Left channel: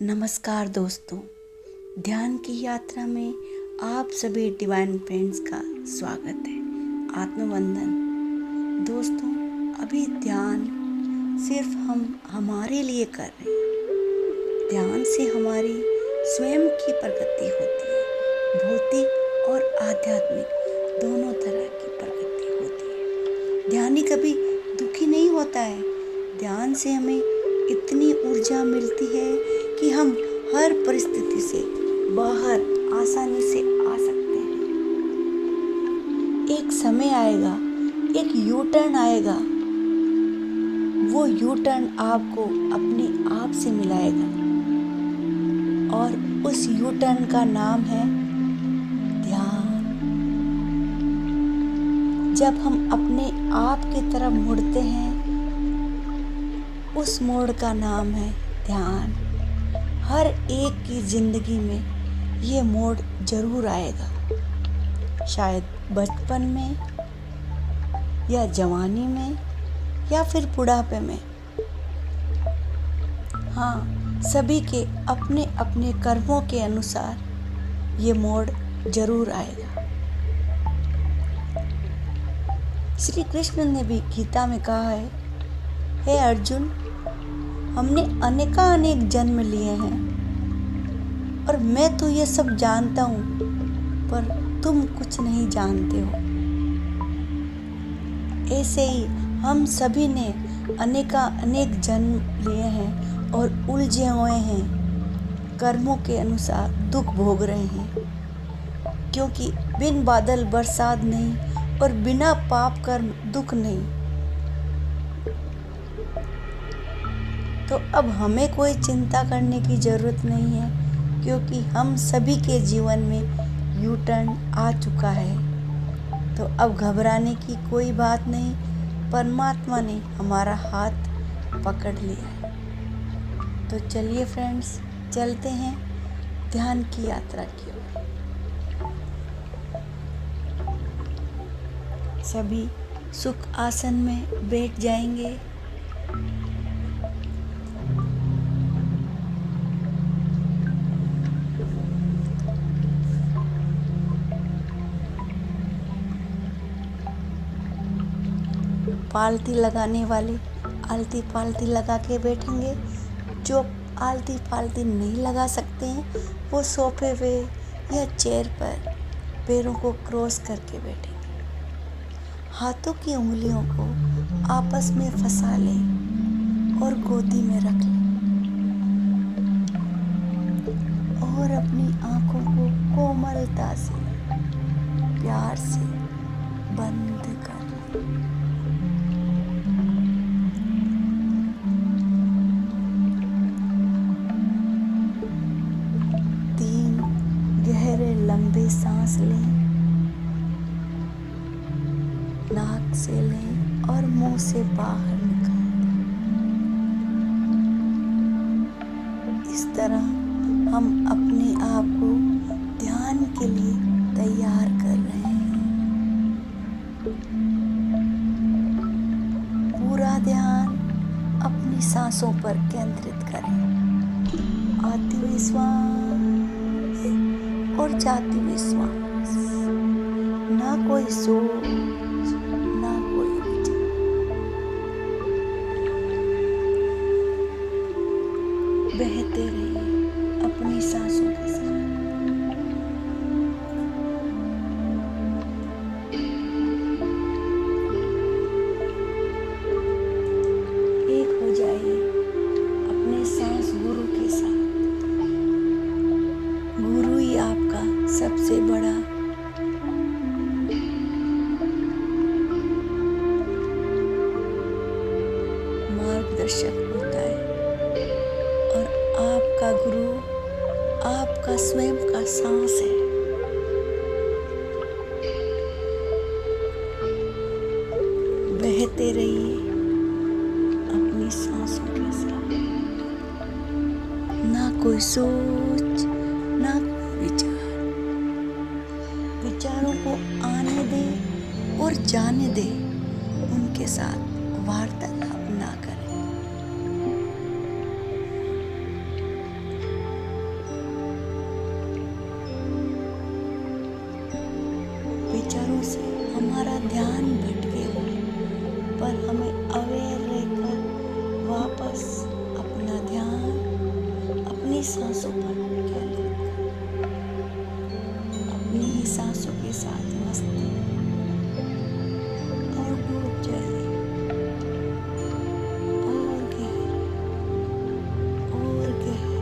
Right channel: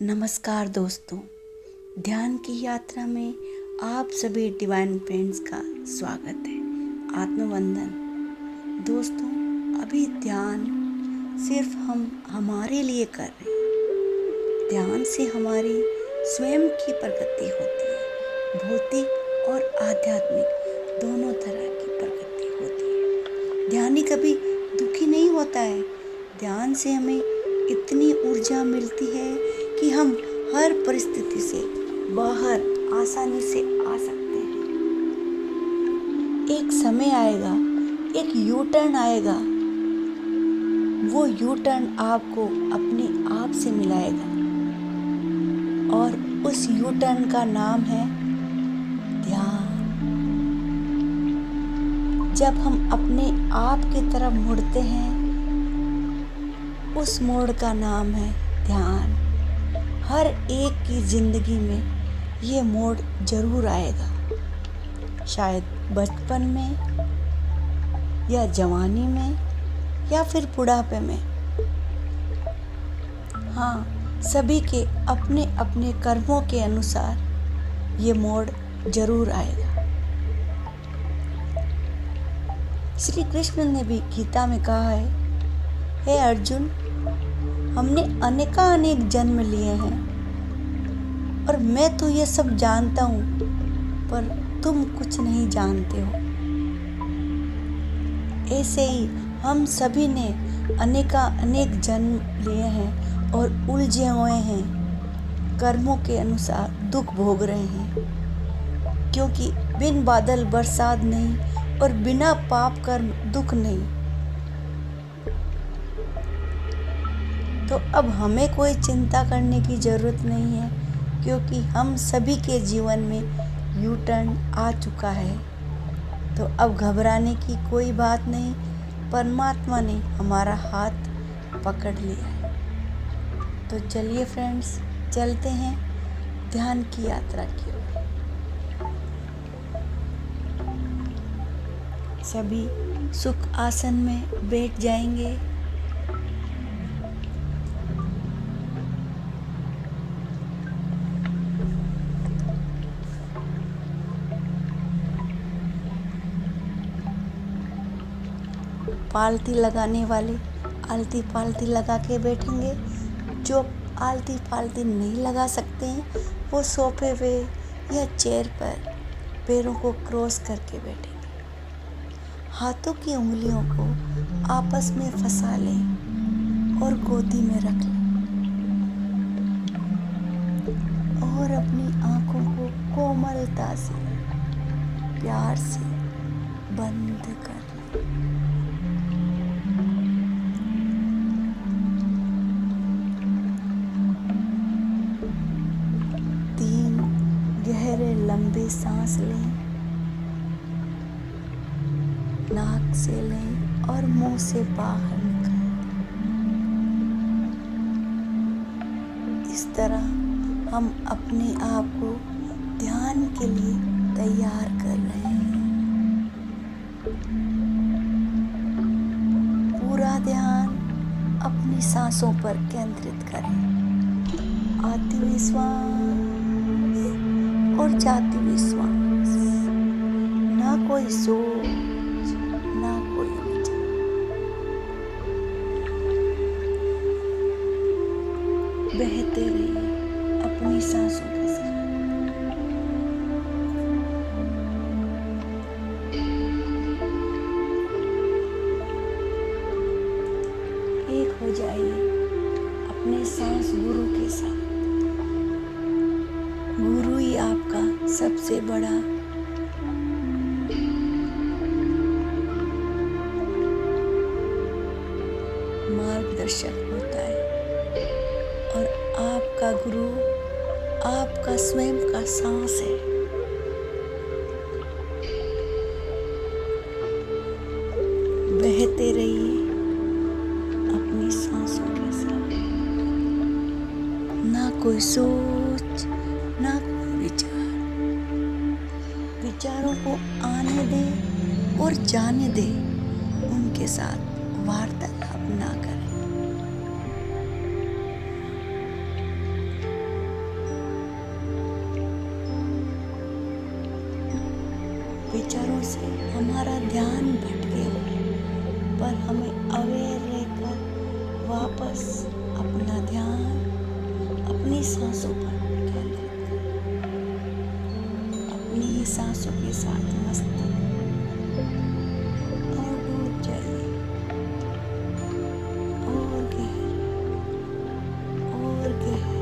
नमस्कार दोस्तों, ध्यान की यात्रा में आप सभी डिवाइन फ्रेंड्स का स्वागत है। आत्मवंदन। दोस्तों, अभी ध्यान सिर्फ हम हमारे लिए कर रहे हैं। ध्यान से हमारी स्वयं की प्रगति होती है। भौतिक और आध्यात्मिक दोनों तरह की प्रगति होती है। ध्यानी कभी दुखी नहीं होता है। ध्यान से हमें इतनी ऊर्जा मिलती है कि हम हर परिस्थिति से बाहर आसानी से आ सकते हैं। एक समय आएगा, एक यू टर्न आएगा। वो यू टर्न आपको अपने आप से मिलाएगा और उस यू टर्न का नाम है ध्यान। जब हम अपने आप की तरफ मुड़ते हैं, उस मोड़ का नाम है ध्यान। हर एक की जिंदगी में ये मोड़ जरूर आएगा। शायद बचपन में या जवानी में या फिर बुढ़ापे में। हाँ, सभी के अपने अपने कर्मों के अनुसार ये मोड़ जरूर आएगा। श्री कृष्ण ने भी गीता में कहा है, हे अर्जुन, हमने अनेक जन्म लिए हैं और मैं तो ये सब जानता हूँ, पर तुम कुछ नहीं जानते हो। ऐसे ही हम सभी ने अनेक जन्म लिए हैं और उलझे हुए हैं। कर्मों के अनुसार दुख भोग रहे हैं, क्योंकि बिन बादल बरसात नहीं और बिना पाप कर्म दुख नहीं। तो अब हमें कोई चिंता करने की ज़रूरत नहीं है, क्योंकि हम सभी के जीवन में यू टर्न आ चुका है। तो अब घबराने की कोई बात नहीं। परमात्मा ने हमारा हाथ पकड़ लिया है। तो चलिए फ्रेंड्स, चलते हैं ध्यान की यात्रा की ओर। सभी सुख आसन में बैठ जाएंगे। पालती लगाने वाले आलती पालती लगा के बैठेंगे। जो आलती पालती नहीं लगा सकते हैं, वो सोफे पे या चेयर पर पैरों को क्रॉस करके बैठेंगे। हाथों की उंगलियों को आपस में फंसा लें और गोदी में रख लें और अपनी आंखों को कोमलता से, प्यार से बंद कर लें। गहरे लंबे सांस लें, नाक से लें और मुंह से बाहर निकालें। इस तरह हम अपने आप को ध्यान के लिए तैयार कर रहे हैं। पूरा ध्यान अपनी सांसों पर केंद्रित करें। आती हुई श्वास और जाती हुई श्वास। ना कोई सोच, ना कोई विचार। बहते रहिए अपनी सांसों के साथ। एक हो जाइए अपने सांस गुरु के साथ। गुरु ही आपका सबसे बड़ा मार्गदर्शक होता है और आपका गुरु आपका स्वयं का सांस है। बहते रहिए अपनी सांसों के साथ। ना कोई सोच, ना कोई विचार। विचारों को आने दे और जाने दे, उनके साथ वार्तालाप ना करें। विचारों से हमारा ध्यान भटके हुए, पर हमें अवेयर रहकर वापस अपना ध्यान अपनी सांसों पर केंद्रित करें। अपनी ही सांसों के साथ मस्त और डूब जाइए और गहरे और गहरे।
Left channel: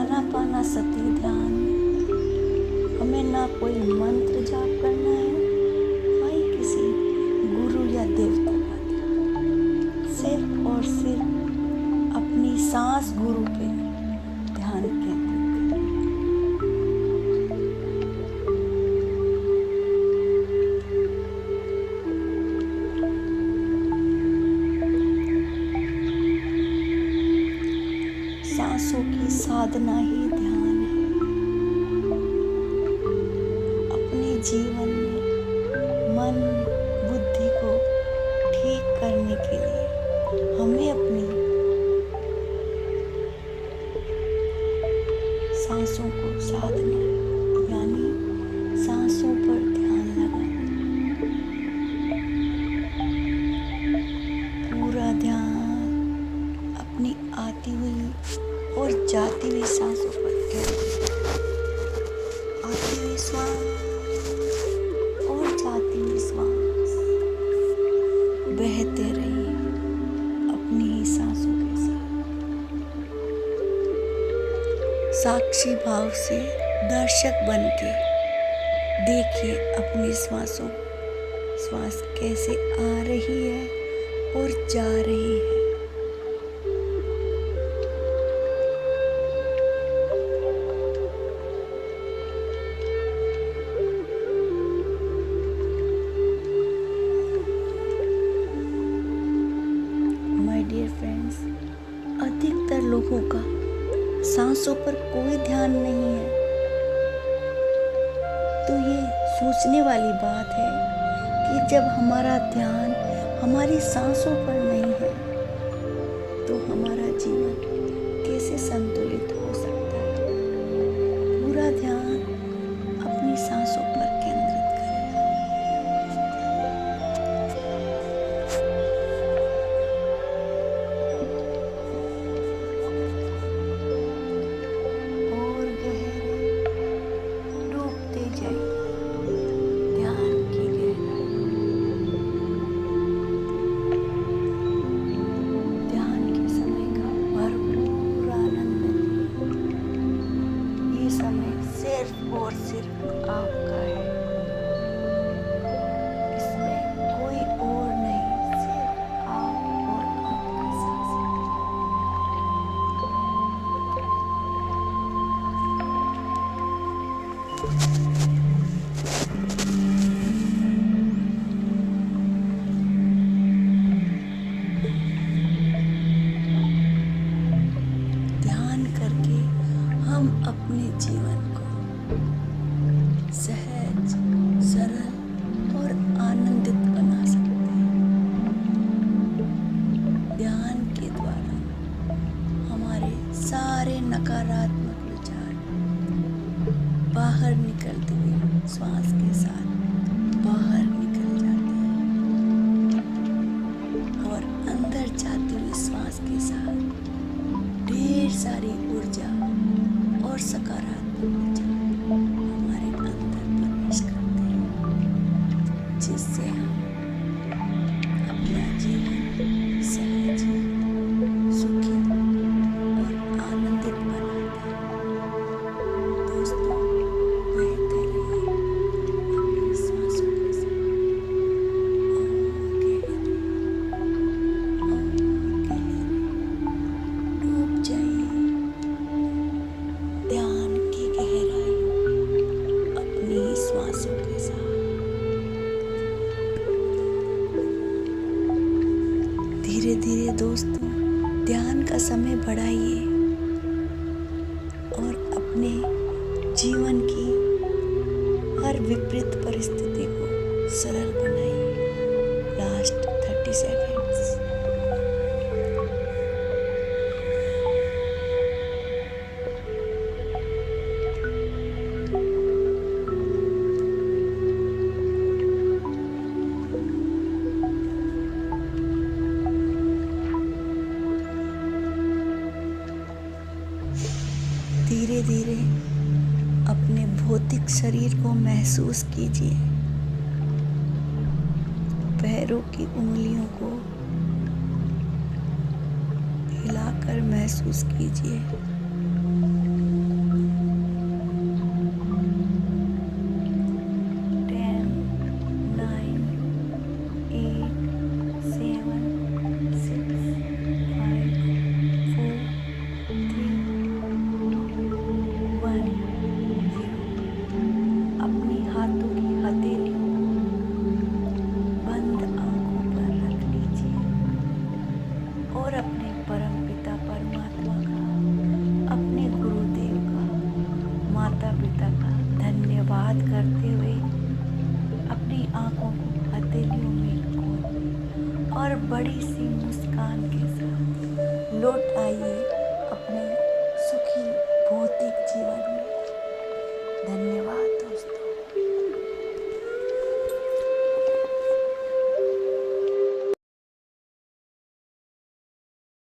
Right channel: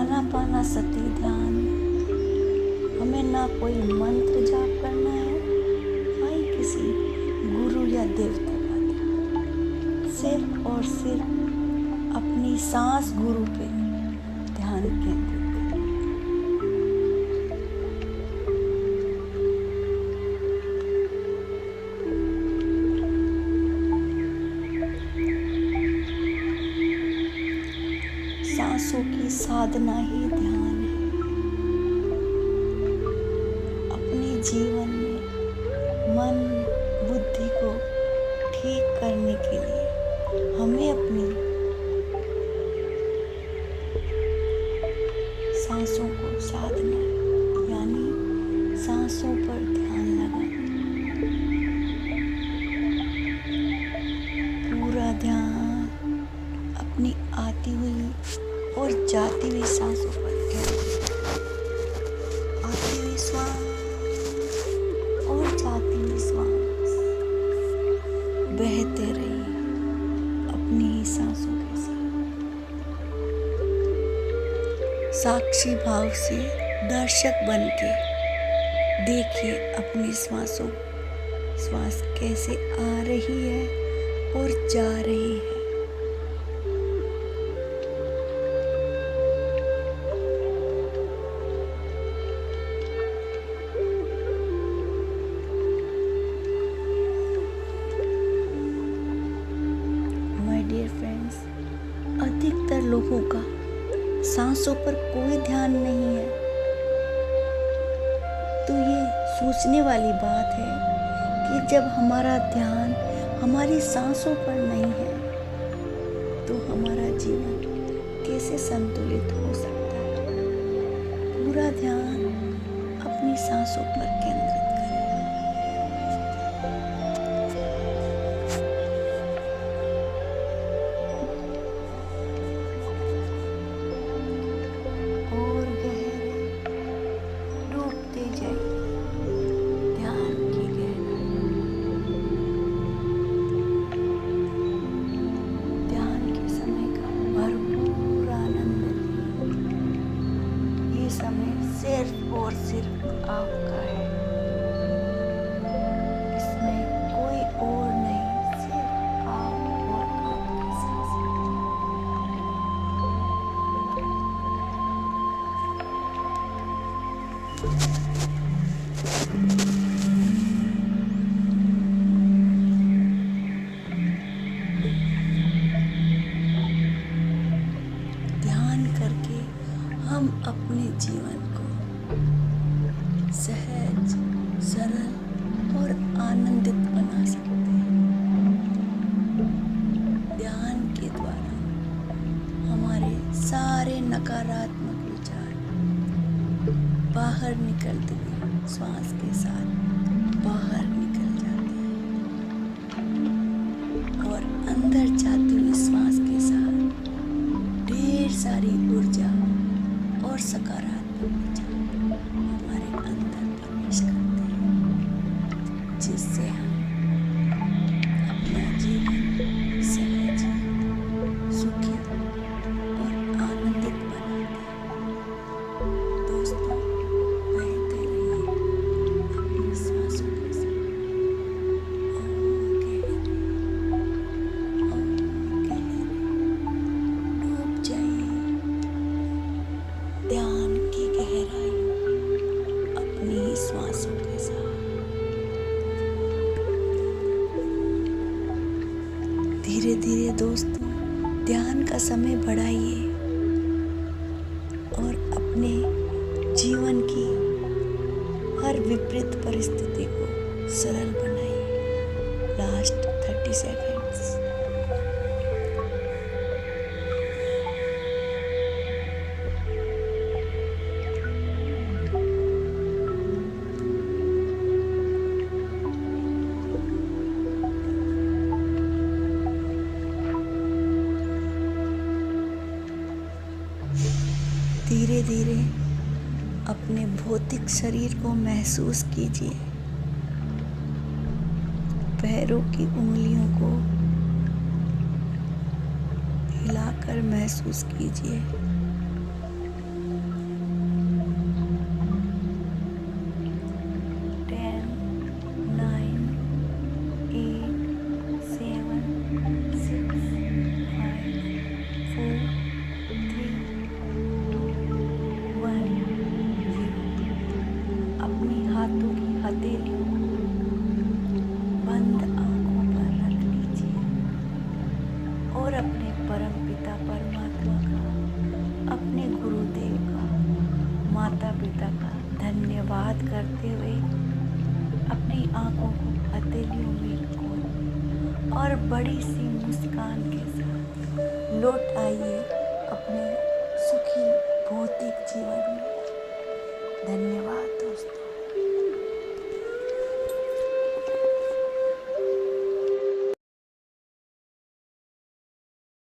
आनापानसती ध्यान में हमें ना कोई मंत्र जाप करना है, ना ही किसी गुरु या देवता का ध्यान। सिर्फ और सिर्फ अपनी सांस गुरु पे ध्यान केंद्रित करें। सांसों की साधना ही ध्यान है। अपने जीवन में मन बुद्धि को ठीक करने के लिए हमें अपनी सांसों को साधना है, यानी सांसों पर ध्यान लगाना। पूरा ध्यान अपनी आती हुई और जाती हुई सांसों पर केंद्रित। आती हुई श्वास और जाती हुई श्वास बहते रहिए अपनी ही सांसों के साथ। साक्षी भाव से दर्शक बन के देखिए अपनी श्वास कैसे आ रही है और जा रही है। डियर फ्रेंड्स, अधिकतर लोगों का सांसों पर कोई ध्यान नहीं है, तो ये सोचने वाली बात है कि जब हमारा ध्यान हमारी सांसों पर नहीं है तो हमारा जीवन कैसे संतुलित हो सकता है। पूरा ध्यान अपनी सांसों पर केंद्रित करें। ध्यान की गहराई, ध्यान के समय का भरपूर आनंद लीजिए। ये समय सिर्फ और सिर्फ आपका है, इसमें कोई और नहीं, सिर्फ आप और आपकी सांसें। ध्यान करके हम अपने जीवन को सहज, सरल और आनंदित बना सकते हैं। ध्यान के द्वारा हमारे सारे नकारात्मक विचार बाहर निकलते हुए श्वास के साथ बाहर निकल जाते हैं और अंदर जाती हुई श्वास के साथ ढेर सारी ऊर्जा और सकारात्मक विचार हमारे अंदर प्रवेश करते हैं, जिससे हम अपना जीवन सहज, सुखी और आनंदित बनाते हैं। दोस्तों, बहते रहिए अपनी सांसों के साथ और गहरे डूब जाइए ध्यान की गहराई अपनी श्वासों के साथ। धीरे धीरे दोस्तों ध्यान का समय बढ़ाइए और अपने जीवन की हर विपरीत परिस्थिति को सरल बनाइए। Last 30 seconds. धीरे धीरे अपने भौतिक शरीर को महसूस कीजिए। पैरों की उंगलियों को हिलाकर महसूस कीजिए। अपनी हाथों की हथेलियों बंद आंखों पर रख लीजिए और अपने परम पिता परमात्मा का, अपने गुरुदेव का, माता पिता का धन्यवाद करते हुए अपनी आंखों को हथेलियों में खोल और बड़ी सी मुस्कान के साथ लौट आइए अपने सुखी भौतिक जीवन में। धन्यवाद।